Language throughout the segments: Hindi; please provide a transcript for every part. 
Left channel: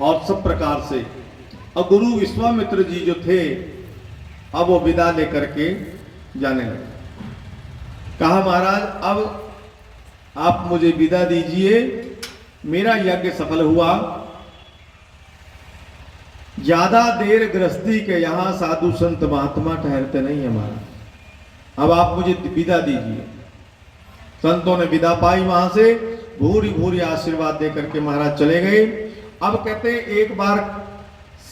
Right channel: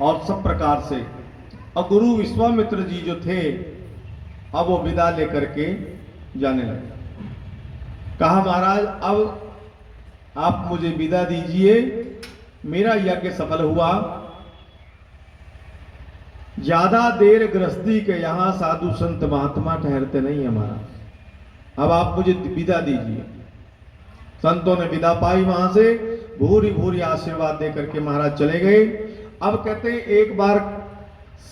और सब प्रकार से। अब गुरु विश्वामित्र जी जो थे, अब वो विदा लेकर के जाने लगे। कहा महाराज अब आप मुझे विदा दीजिए, मेरा यज्ञ सफल हुआ, ज्यादा देर गृहस्थी के यहां साधु संत महात्मा ठहरते नहीं है महाराज, अब आप मुझे विदा दीजिए। संतों ने विदा पाई, वहां से भूरी भूरी आशीर्वाद देकर के महाराज चले गए। अब कहते हैं एक बार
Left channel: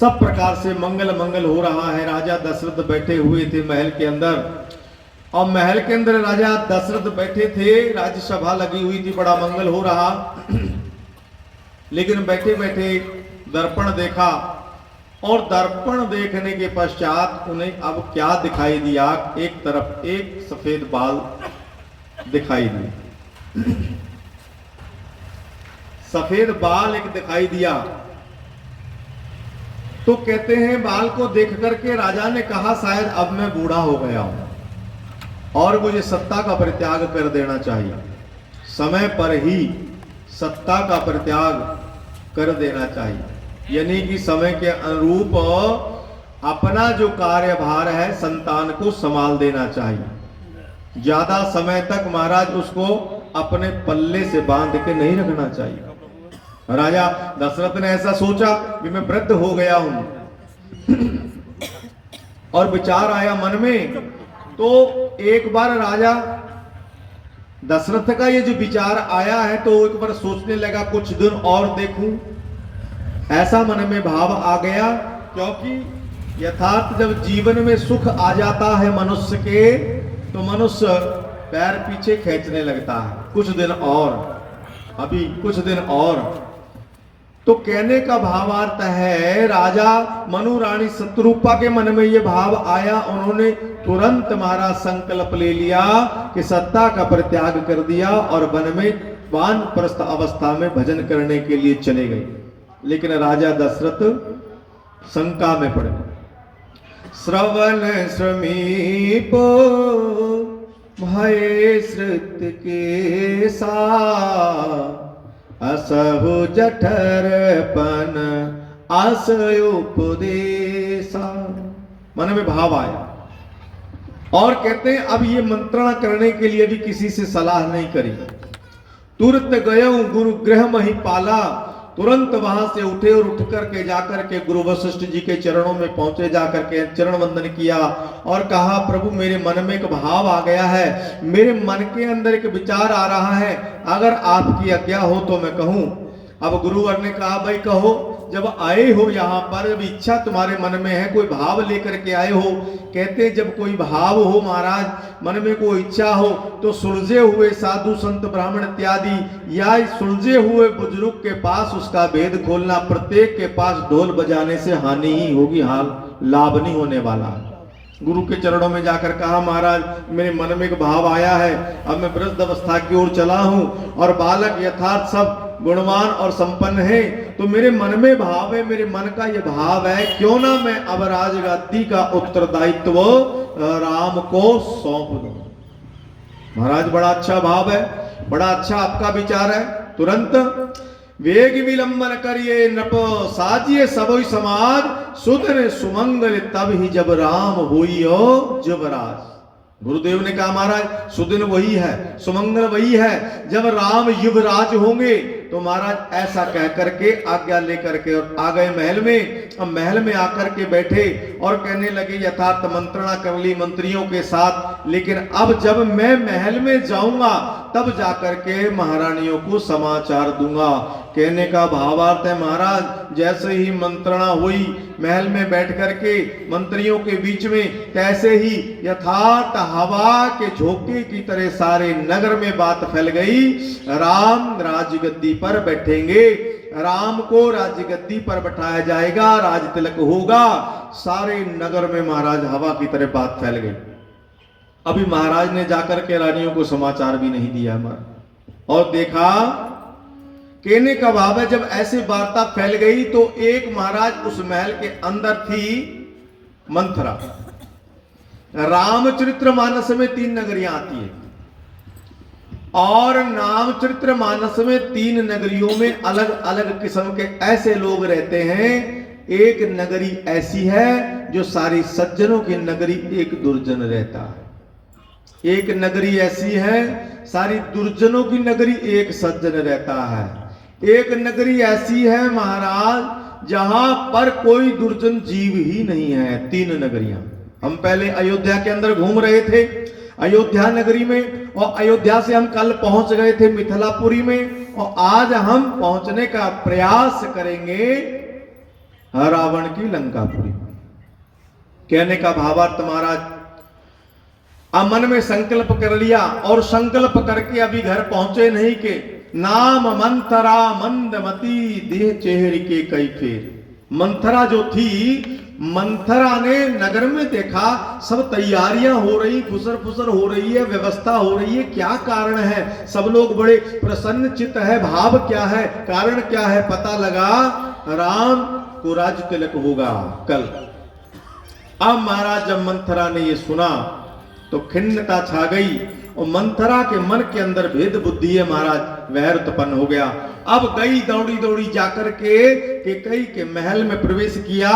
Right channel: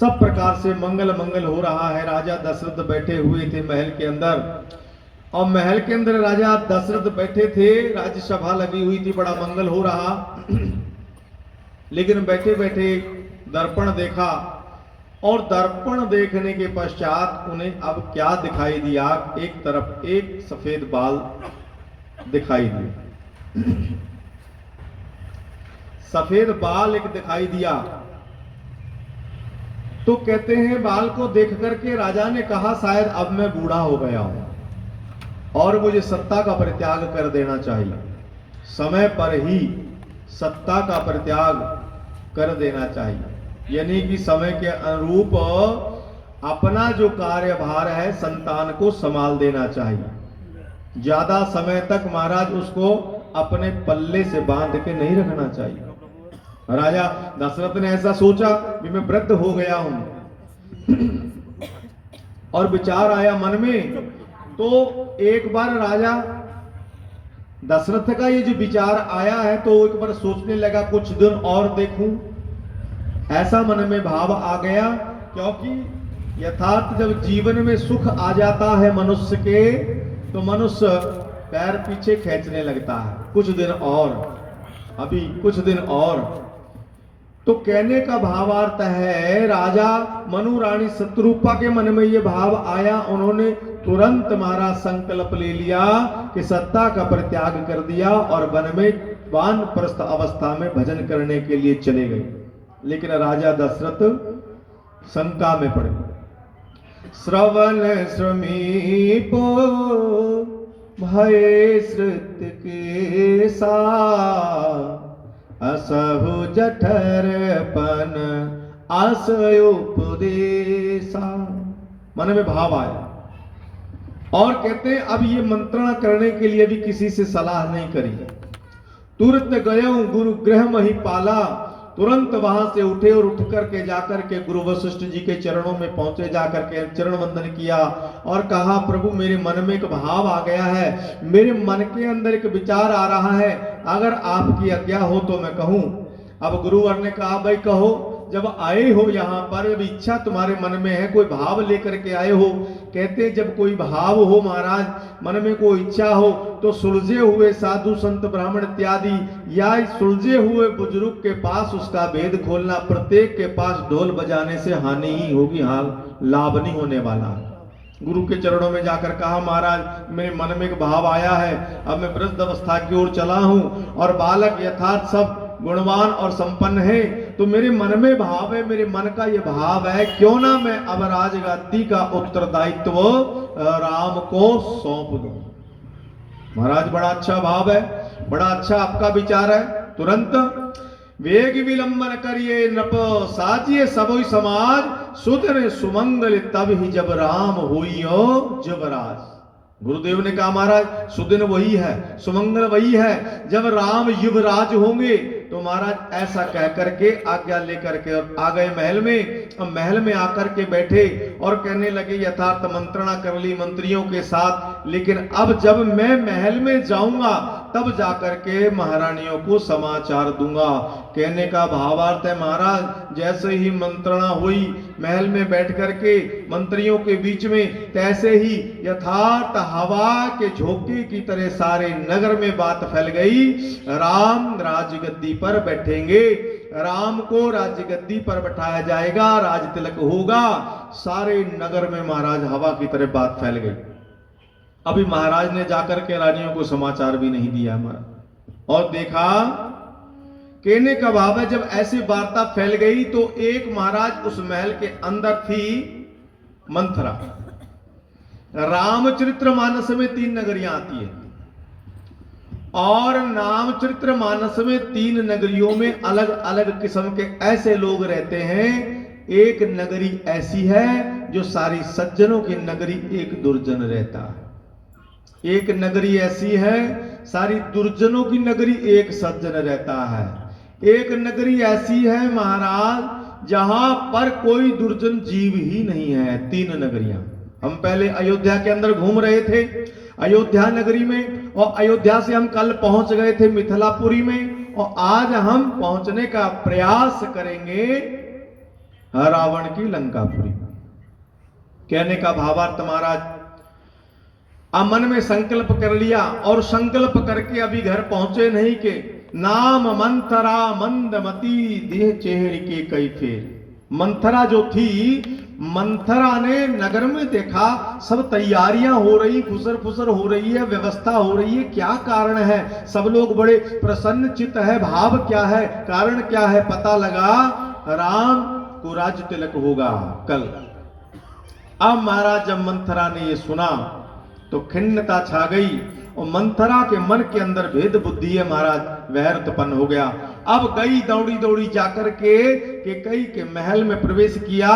सब प्रकार से मंगल मंगल हो रहा है। राजा दशरथ बैठे हुए थे महल के अंदर, और महल के अंदर राजा दशरथ बैठे थे, राज्यसभा लगी हुई थी, बड़ा मंगल हो रहा। लेकिन बैठे बैठे दर्पण देखा, और दर्पण देखने के पश्चात उन्हें अब क्या दिखाई दिया, एक तरफ एक सफेद बाल दिखाई दिया, सफेद बाल एक दिखाई दिया। तो कहते हैं बाल को देख करके राजा ने कहा शायद अब मैं बूढ़ा हो गया हूं और मुझे सत्ता का परित्याग कर देना चाहिए, समय पर ही सत्ता का परित्याग कर देना चाहिए। यानी कि समय के अनुरूप अपना जो कार्यभार है संतान को संभाल देना चाहिए। ज्यादा समय तक महाराज उसको अपने पल्ले से बांध के नहीं रखना चाहिए। राजा दशरथ ने ऐसा सोचा कि मैं वृद्ध हो गया हूं, और विचार आया मन में। तो एक बार राजा दशरथ का ये जो विचार आया है, तो एक बार सोचने लगा कुछ दिन और देखूं, ऐसा मन में भाव आ गया। क्योंकि यथार्थ जब जीवन में सुख आ जाता है मनुष्य के, तो मनुष्य पैर पीछे खींचने लगता है, कुछ दिन और, अभी कुछ दिन और। तो कहने का भावार्थ है राजा मनु रानी शत्रुपा के मन में ये भाव आया, उन्होंने तुरंत महाराज संकल्प ले लिया कि सत्ता का परित्याग कर दिया और वन में वानप्रस्थ अवस्था में भजन करने के लिए चले गए। लेकिन राजा दशरथ शंका में पड़ गए। श्रवण समीप भय श्रुत के सा, असहु जठरपन आशय उपदेशा। मन में भाव आया, और कहते हैं अब ये मंत्रणा करने के लिए भी किसी से सलाह नहीं करी। तुरंत गया गुरु गृह मही पाला, तुरंत वहां से उठे और उठ करके जाकर के गुरु वशिष्ठ जी के चरणों में पहुंचे, जाकर के चरण वंदन किया और कहा प्रभु मेरे मन में एक भाव आ गया है, मेरे मन के अंदर एक विचार आ रहा है, अगर आपकी आज्ञा हो तो मैं कहूं। अब गुरुवर ने कहा भाई कहो, जब आए हो यहाँ पर, जब इच्छा तुम्हारे मन में है, कोई भाव लेकर के आए हो। कहते जब कोई भाव हो महाराज, मन में कोई इच्छा हो, तो सुलझे हुए साधु संत ब्राह्मण इत्यादि या सुलझे हुए बुजुर्ग के पास उसका भेद खोलना। प्रत्येक के पास ढोल बजाने से हानि ही होगी, हाल लाभ नहीं होने वाला। गुरु के चरणों में जाकर कहा महाराज मेरे मन में एक भाव आया है, अब मैं वृद्ध अवस्था की ओर चला हूं और बालक यथार्थ सब गुणवान और संपन्न है, तो मेरे मन में भाव है, मेरे मन का ये भाव है, क्यों ना मैं अब राजगद्दी का उत्तरदायित्व राम को सौंप दूं। महाराज बड़ा अच्छा भाव है, बड़ा अच्छा आपका विचार है। तुरंत वेग विलंबन करिए नृप साजिए सबोई समाज, सुधर सुमंगल तब ही जब राम होइयो जुवराज। गुरुदेव ने कहा महाराज सुदिन वही है, सुमंगल वही है जब राम युवराज होंगे। तो महाराज ऐसा कह करके आज्ञा लेकर के और आ गए महल में। अब महल में आकर के बैठे और कहने लगे यथार्थ मंत्रणा कर ली मंत्रियों के साथ, लेकिन अब जब मैं महल में जाऊंगा तब जाकर के महारानियों को समाचार दूंगा। कहने का भावार्थ है महाराज जैसे ही मंत्रणा हुई महल में बैठ करके मंत्रियों के बीच में, तैसे ही यथार्थ हवा के झोंके की तरह सारे नगर में बात फैल गई। राम राजगद्दी पर बैठेंगे, राम को राजगद्दी पर बैठाया जाएगा, राज तिलक होगा। सारे नगर में महाराज हवा की तरह बात फैल गई। अभी महाराज ने जाकर के रानियों को समाचार भी नहीं दिया और देखा। कहने का भाव है जब ऐसी वार्ता फैल गई तो एक महाराज उस महल के अंदर थी मंथरा। रामचरित्र मानस में 3 नगरियां आती है और नामचरित्र मानस में 3 नगरियों में अलग अलग किस्म के ऐसे लोग रहते हैं। एक नगरी ऐसी है जो सारी सज्जनों की नगरी, एक दुर्जन रहता है। एक नगरी ऐसी है सारी दुर्जनों की नगरी, एक सज्जन रहता है। एक नगरी ऐसी है महाराज जहां पर कोई दुर्जन जीव ही नहीं है। 3 नगरियां। हम पहले अयोध्या के अंदर घूम रहे थे, अयोध्या नगरी में, और अयोध्या से हम कल पहुंच गए थे मिथिलापुरी में, और आज हम पहुंचने का प्रयास करेंगे रावण की लंकापुरी। कहने का भावार्थ महाराज, अब मन में संकल्प कर लिया, और संकल्प करके अभी घर पहुंचे नहीं के नाम मंथरा मंदमती देह चेहरे के कई फेर। मंथरा जो थी, मंथरा ने नगर में देखा सब तैयारियां हो रही, फुसर फुसर हो रही है, व्यवस्था हो रही है। क्या कारण है? सब लोग बड़े प्रसन्न चित्त है। भाव क्या है? कारण क्या है? पता लगा राम को राज तिलक होगा कल। अब महाराज जब मंथरा ने ये सुना तो खिन्नता छा गई, और मंथरा के मन के अंदर भेद बुद्धि है महाराज, वैर उत्पन्न हो गया। अब गई दौड़ी दौड़ी जाकर के केकई के महल में प्रवेश किया,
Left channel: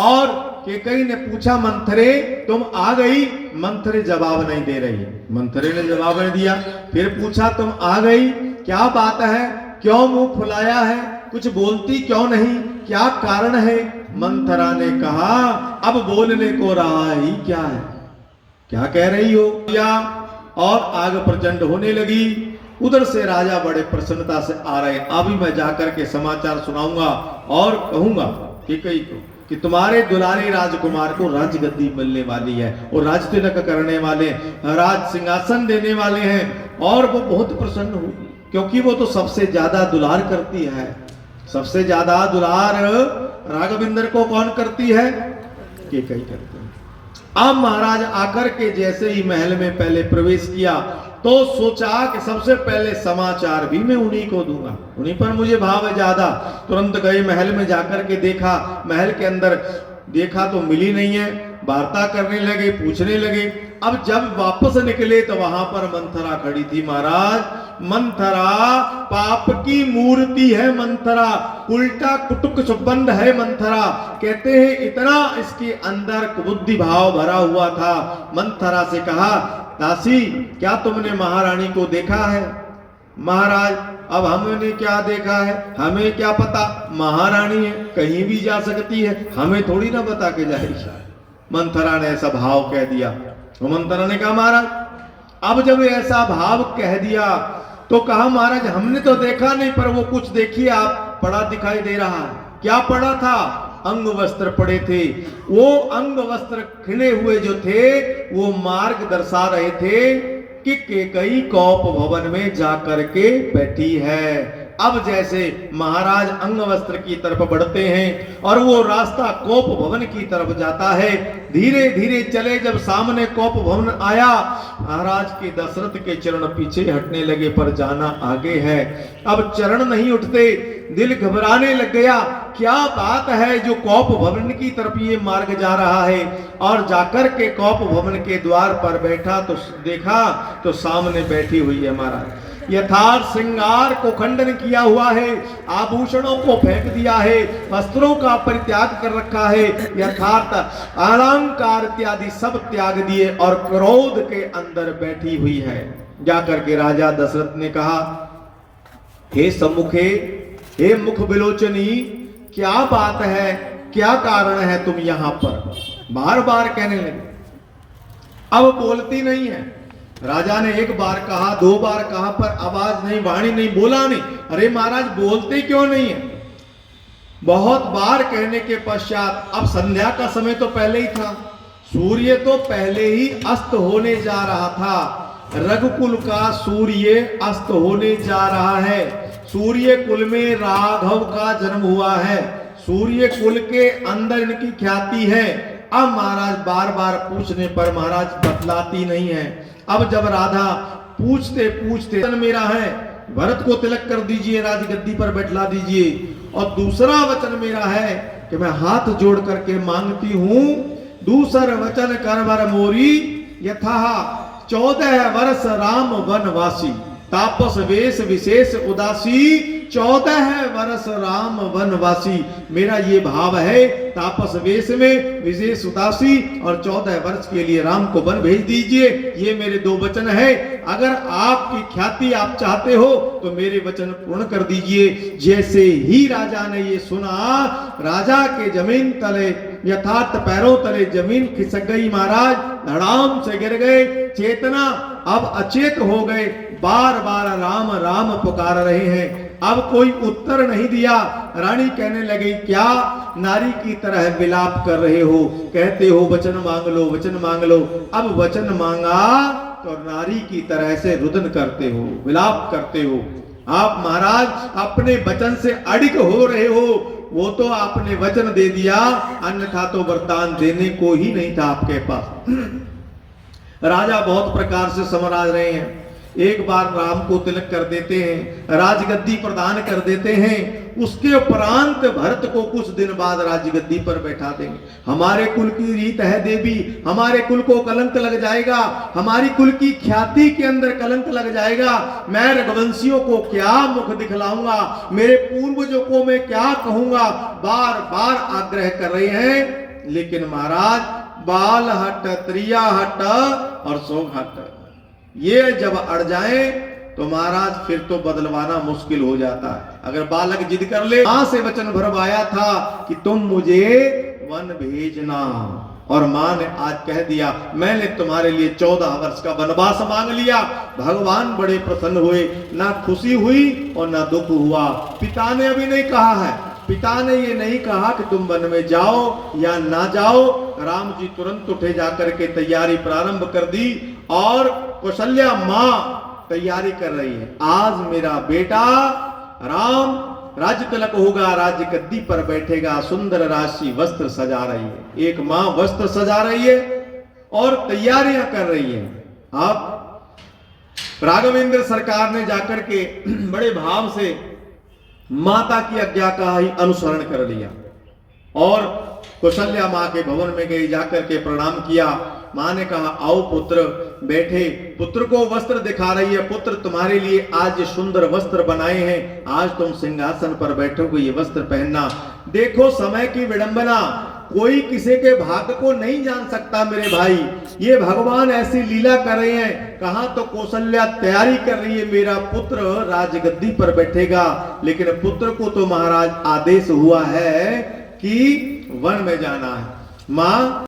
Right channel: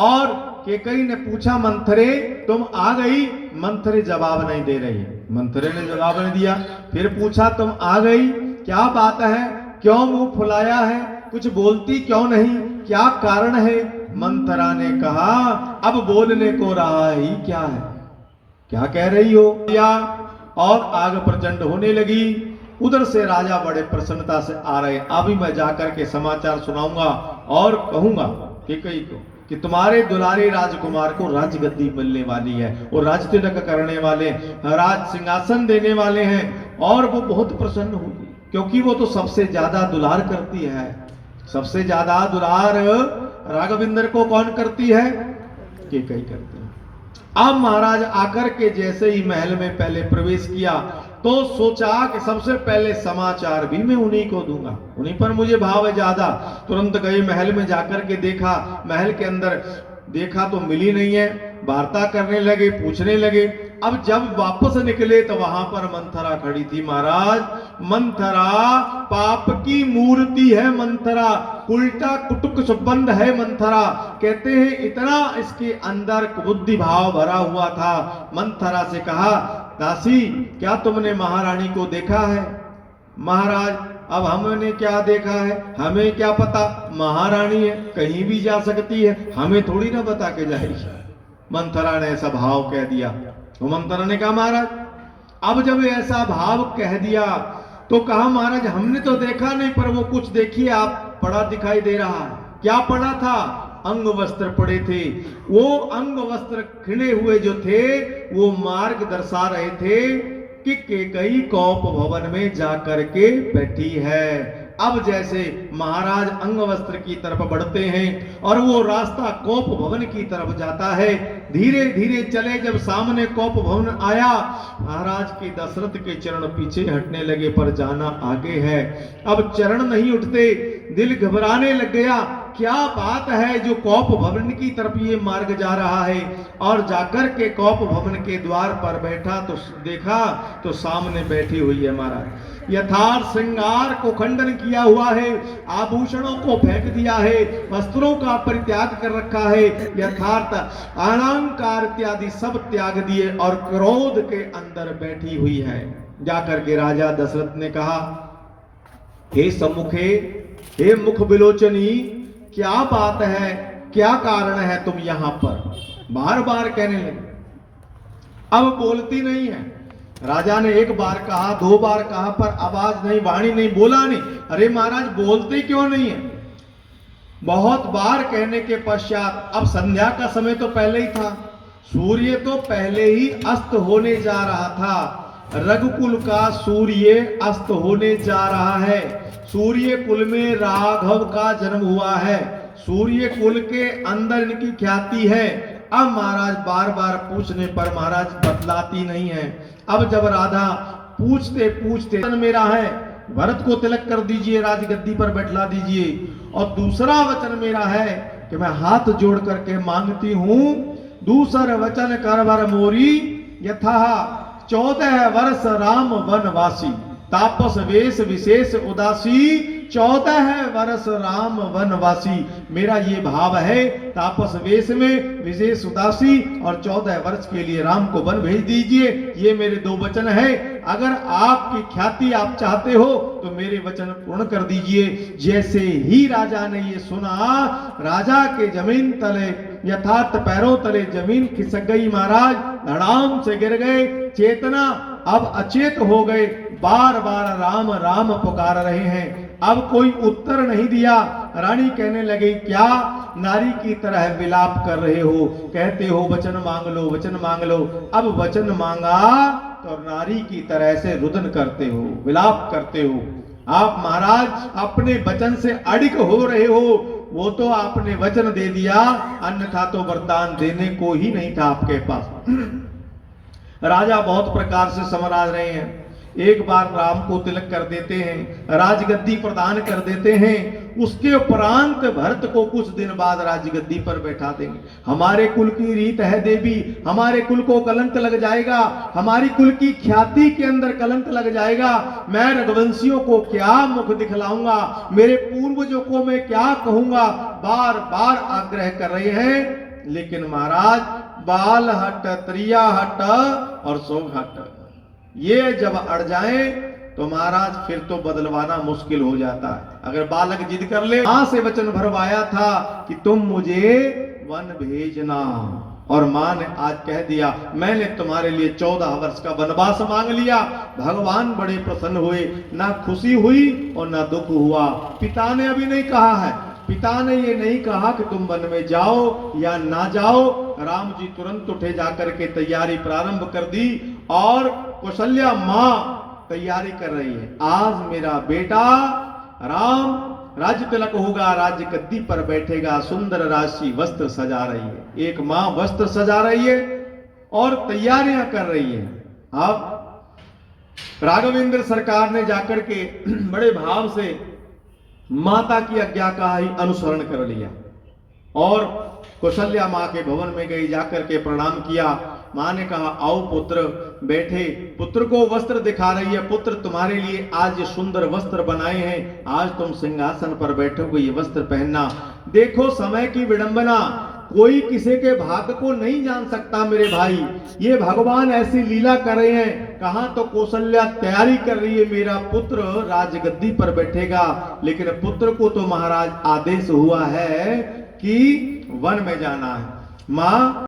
और केकई ने पूछा मंथरे तुम आ गई? मंथरे जवाब नहीं दे रही। मंथरे ने जवाब नहीं दिया। फिर पूछा तुम आ गई, क्या बात है? क्यों मुंह फुलाया है? कुछ बोलती क्यों नहीं? क्या कारण है? मंथरा ने कहा अब बोलने को रहा ही क्या है, क्या कह रही हो? और आग प्रचंड होने लगी। उधर से राजा बड़े प्रसन्नता से आ रहे। अभी मैं जाकर के समाचार सुनाऊंगा और कहूंगा केकई को कि तुम्हारे दुलारे राजकुमार को राजगद्दी मिलने वाली है, और राज तिलक करने वाले, राज सिंहासन देने वाले हैं, और वो बहुत प्रसन्न होगी, क्योंकि वो तो सबसे ज्यादा दुलार करती है। सबसे ज्यादा दुलार राघविंदर को कौन करती है? केकई करती है। अब महाराज आकर के जैसे ही महल में पहले प्रवेश किया तो सोचा कि सबसे पहले समाचार भी मैं उन्हीं को दूंगा, उन्हीं पर मुझे भाव है ज्यादा। तुरंत गए महल में जाकर के देखा, महल के अंदर देखा तो मिली नहीं है। वार्ता करने लगे, पूछने लगे। अब जब वापस निकले तो वहां पर मंथरा खड़ी थी महाराज। मंथरा पाप की मूर्ति है, मंथरा उल्टा कुटुक सुबंध है मंथरा। कहते हैं इतना इसके अंदर बुद्धि भाव भरा हुआ था। मंथरा से कहा दासी क्या तुमने महारानी को देखा है? महाराज अब हमने क्या देखा है, हमें क्या पता, महारानी है कहीं भी जा सकती है, हमें थोड़ी ना बता के जाएगी। मंथरा ने ऐसा भाव कह दिया। तो मंथरा ने कहा महाराज, अब जब ऐसा भाव कह दिया तो कहा महाराज हमने तो देखा नहीं, पर वो कुछ देखिए आप पड़ा दिखाई दे रहा है। क्या पड़ा था? अंग वस्त्र पड़े थे। वो अंग वस्त्र खिले हुए जो थे वो मार्ग दर्शा रहे थे कि केकई कौप भवन में जाकर के बैठी है। अब जैसे महाराज अंग वस्त्र की तरफ बढ़ते हैं और वो रास्ता कोप भवन की तरफ जाता है, धीरे धीरे चले। जब सामने कोप भवन आया, महाराज के दशरथ के चरण पीछे हटने लगे, पर जाना आगे है। अब चरण नहीं उठते, दिल घबराने लग गया। क्या बात है जो कोप भवन की तरफ ये मार्ग जा रहा है? और जाकर के कोप भवन के द्वार पर बैठा तो देखा तो सामने बैठी हुई है महाराज। यथार्थ श्रृंगार को खंडन किया हुआ है, आभूषणों को फेंक दिया है, वस्त्रों का परित्याग कर रखा है, यथार्थ अलंकार इत्यादि सब त्याग दिए और क्रोध के अंदर बैठी हुई है। जाकर के राजा दशरथ ने कहा, हे सम्मुखे, हे मुख बिलोचनी, क्या बात है, क्या कारण है तुम यहां पर? बार बार कहने लगे। अब बोलती नहीं है। राजा ने एक बार कहा, 2 बार कहा, पर आवाज नहीं, वाणी नहीं, बोला नहीं। अरे महाराज बोलते क्यों नहीं है? बहुत बार कहने के पश्चात, अब संध्या का समय तो पहले ही था, सूर्य तो पहले ही अस्त होने जा रहा था। रघुकुल का सूर्य अस्त होने जा रहा है। सूर्य कुल में राघव का जन्म हुआ है, सूर्य कुल के अंदर इनकी ख्याति है। अब महाराज बार बार पूछने पर महाराज बतलाती नहीं है। अब जब राधा पूछते पूछते मेरा है, भरत को तिलक कर दीजिए, राजगद्दी पर बैठला दीजिए, और दूसरा वचन मेरा है कि मैं हाथ जोड़ करके मांगती हूं, दूसर वचन कर वर मोरी, यथा 14 वर्ष राम वनवासी। तापस वेश विशेष उदासी 14 वर्ष राम वनवासी। मेरा ये भाव है, तापस वेश में विशेष उदासी और 14 वर्ष के लिए राम को वन भेज दीजिए। ये मेरे 2 वचन है। अगर आपकी ख्याति आप चाहते हो तो मेरे वचन पूर्ण कर दीजिए। जैसे ही राजा ने ये सुना, राजा के जमीन तले यथार्थ पैरों तले जमीन खिसक गई महाराज, धड़ाम से गिर गए, चेतना अब अचेत हो गए, बार बार राम राम पुकार रहे हैं। अब कोई उत्तर नहीं दिया। रानी कहने लगी, क्या नारी की तरह विलाप कर रहे हो? कहते हो वचन मांग लो, वचन मांग लो। अब वचन मांगा तो नारी की तरह से रुदन करते हो, विलाप करते हो। आप महाराज अपने वचन से अड़िग हो रहे हो। वो तो आपने वचन दे दिया, अन्यथा तो वरदान देने को ही नहीं था आपके पास। राजा बहुत प्रकार से समझ रहे हैं। एक बार राम को तिलक कर देते हैं, राजगद्दी प्रदान कर देते हैं, उसके उपरांत भरत को कुछ दिन बाद राजगद्दी पर बैठा देंगे। हमारे कुल की रीत है देवी, हमारे कुल को कलंक लग जाएगा, हमारी कुल की ख्याति के अंदर कलंक लग जाएगा। मैं रघुवंशियों को क्या मुख दिखलाऊंगा, मेरे पूर्वजों को मैं क्या कहूंगा। बार बार आग्रह कर रहे हैं, लेकिन महाराज बाल हट, त्रिया हट और सोग हट, ये जब अड़ जाए तो महाराज फिर तो बदलवाना मुश्किल हो जाता है। अगर बालक जिद कर ले, मां से वचन भरवाया था कि तुम मुझे वन भेजना, और मां ने आज कह दिया मैंने तुम्हारे लिए 14 वर्ष का वनवास मांग लिया। भगवान बड़े प्रसन्न हुए, ना खुशी हुई और ना दुख हुआ। पिता ने अभी नहीं कहा है, पिता ने ये नहीं कहा कि तुम वन में जाओ या ना जाओ। राम जी तुरंत उठे, जाकर के तैयारी प्रारंभ कर दी, और कौशल्या मां तैयारी कर रही है। आज मेरा बेटा राम राज्य तिलक होगा, राज्य गद्दी पर बैठेगा, सुंदर राशि वस्त्र सजा रही है। एक मां वस्त्र सजा रही है और तैयारियां कर रही है। अब राघवेंद्र सरकार ने जाकर के बड़े भाव से माता की आज्ञा का ही अनुसरण कर लिया और कौशल्या मां के भवन में गई, जाकर के प्रणाम किया। मां ने कहा आओ पुत्र, बैठे। पुत्र को वस्त्र दिखा रही है, पुत्र तुम्हारे लिए आज ये सुंदर वस्त्र बनाए हैं, आज तुम सिंहासन पर बैठोगे, ये वस्त्र पहनना। देखो समय की विडंबना, कोई किसी के भाग्य को नहीं जान सकता मेरे भाई। ये भगवान ऐसी लीला कर रहे हैं। कहां तो कौशल्या तैयारी कर रही है, मेरा पुत्र राजगद्दी पर बैठेगा, लेकिन पुत्र को तो महाराज आदेश हुआ है कि वन में जाना है। मां